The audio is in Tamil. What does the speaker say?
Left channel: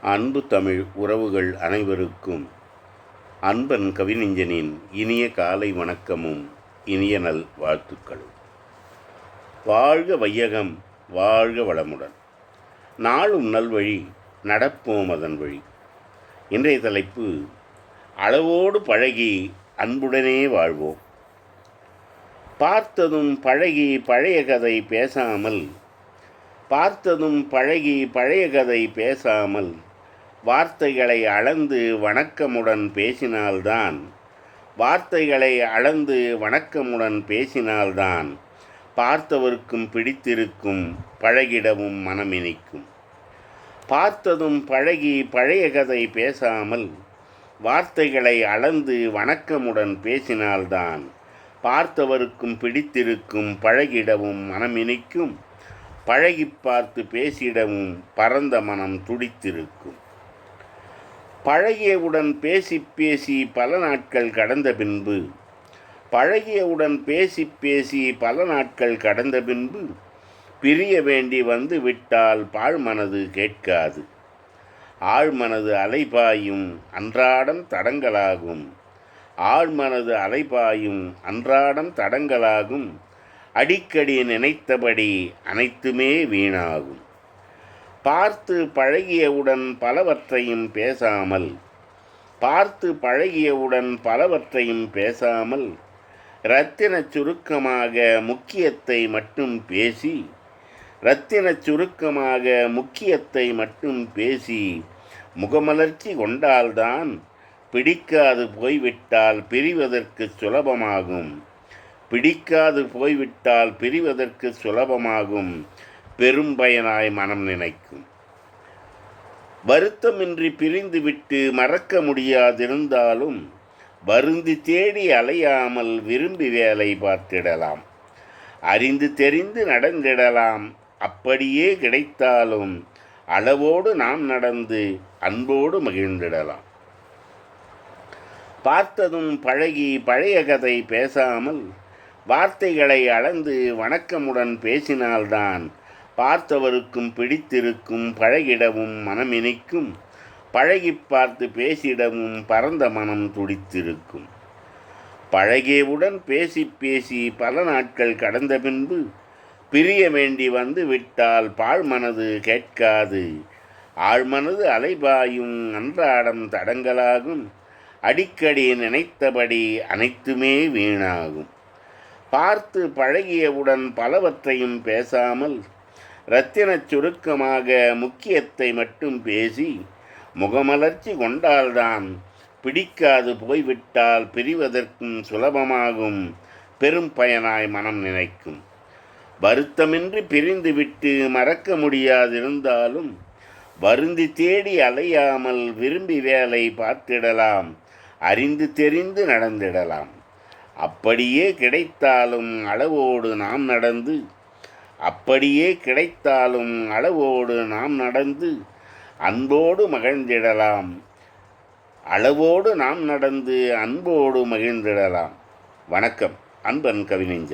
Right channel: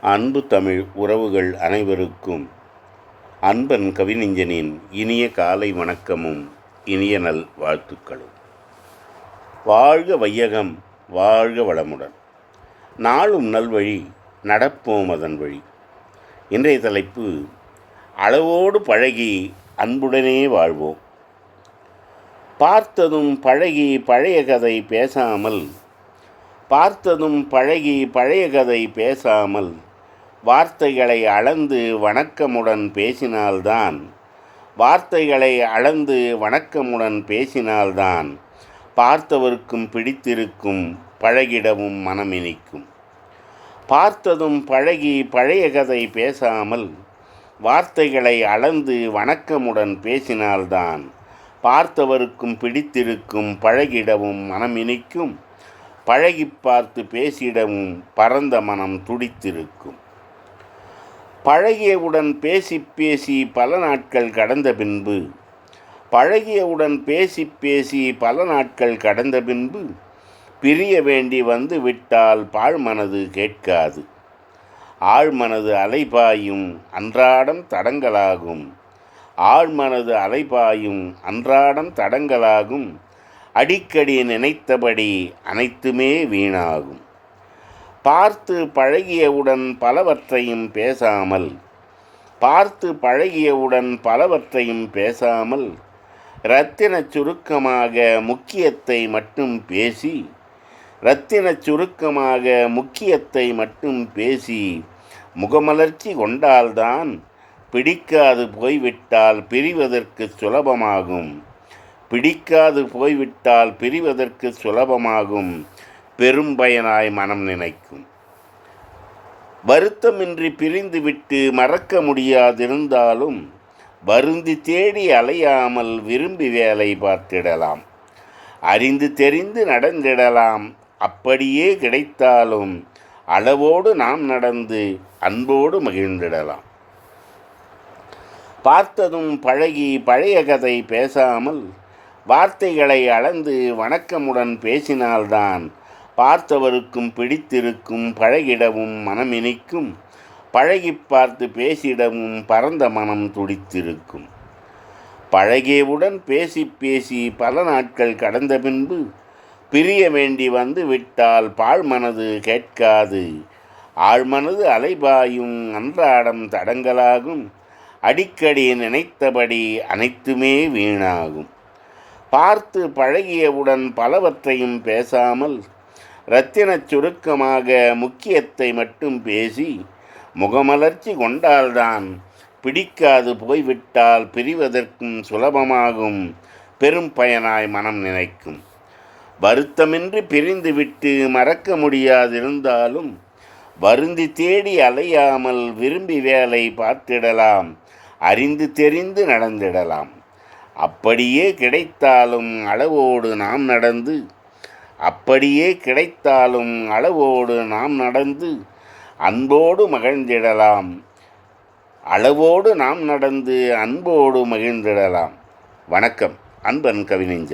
அன்பு தமிழ் உறவுகள் அனைவருக்கும் அன்பன் கவிஞனின் இனிய காலை வணக்கமும் இனிய நல் வாழ்த்துக்களும். வாழ்க வையகம் வாழ்க வளமுடன். நாளும் நல்வழி நடப்போம் அதன் வழி. இன்றைய தலைப்பு அளவோடு பழகி அன்புடனே வாழ்வோம். பார்த்ததும் பழகி பழைய கதை பேசாமல் பார்த்ததும் பழகி பழைய கதை பேசாமல் வார்த்தைகளை அளந்து வணக்கமுடன் பேசினால்தான். வார்த்தைகளை அளந்து வணக்கமுடன் பேசினால்தான் பார்த்தவர்க்கும் பிடித்திருக்கும் பழகிடவும் மனமினிக்கும். பார்த்ததும் பழகி பழைய கதை பேசாமல் வார்த்தைகளை அளந்து வணக்கமுடன் பேசினால்தான் பார்த்தவருக்கும் பிடித்திருக்கும் பழகிடவும் மனமினிக்கும். பழகி பார்த்து பேசிடவும் பரந்த மனம் துடித்திருக்கும். பழகியவுடன் பேசி பேசி பல நாட்கள் கடந்த பின்பு பழகியவுடன் பேசி பேசி பல நாட்கள் கடந்த பின்பு பிரிய வேண்டி வந்து விட்டால் பாழ்மனது கேட்காது. ஆழ்மனது அலைபாயும் அன்றாடம் தடங்களாகும். ஆழ்மனது அலைபாயும் அன்றாடம் தடங்களாகும். அடிக்கடி நினைத்தபடி அனைத்துமே வீணாகும். பார்த்து பழகியவுடன் பலவற்றையும் பேசாமல் பார்த்து பழகியவுடன் பலவற்றையும் பேசாமல் இரத்தின சுருக்கமாக முக்கியத்தை மட்டும் பேசி இரத்தின சுருக்கமாக முக்கியத்தை மட்டும் பேசி முகமலர்ச்சி கொண்டால்தான் பிடிக்காது போய்விட்டால் பிரிவதற்கு சுலபமாகும். பிடிக்காது போய்விட்டால் பிரிவதற்கு சுலபமாகும். பெரும் பயனாய் மனம் நினைக்கும். வருத்தமின்றி பிரிந்துவிட்டு மறக்க முடியாதிருந்தாலும் வருந்தி தேடி அலையாமல் விரும்பி வேலை பார்த்திடலாம். அறிந்து தெரிந்து நடந்திடலாம். அப்படியே கிடைத்தாலும் அளவோடு நாம் நடந்து அன்போடு மகிழ்ந்திடலாம். பார்த்ததும் பழகி பழைய கதை பேசாமல் வார்த்தைகளை அளந்து வணக்கமுடன் பேசினால்தான் பார்த்தவருக்கும் பிடித்திருக்கும் பழகிடவும் மனமினிக்கும் பழகி பார்த்து பேசிடவும் பரந்த மனம் துடித்திருக்கும். பழகியவுடன் பேசி பேசி பல நாட்கள் கடந்த பின்பு பிரிய வேண்டி வந்து விட்டால் பாழ்மனது கேட்காது. ஆழ்மனது அலைபாயும் அன்றாடம் தடங்களாகும் அடிக்கடி நினைத்தபடி அனைத்துமே வீணாகும். பார்த்து பழகியவுடன் பலவற்றையும் பேசாமல் ரத்தினச் சுருக்கமாக முக்கியத்தை மட்டும் பேசி முகமலர்ச்சி கொண்டால்தான் பிடிக்காது போய்விட்டால் பிரிவதற்கும் சுலபமாகும் பெரும் பயனாய் மனம் நினைக்கும். வருத்தமின்றி பிரிந்துவிட்டு மறக்க முடியாதிருந்தாலும் வருந்தி தேடி அலையாமல் விரும்பி வேலை பார்த்திடலாம் அறிந்து தெரிந்து நடந்திடலாம். அப்படியே கிடைத்தாலும் அளவோடு நாம் நடந்து அப்படியே கிடைத்தாலும் அளவோடு நாம் நடந்து அன்போடு மகிழ்ந்திடலாம். அளவோடு நாம் நடந்து அன்போடு மகிழ்ந்திடலாம். வணக்கம் அன்பன் கவிஞன்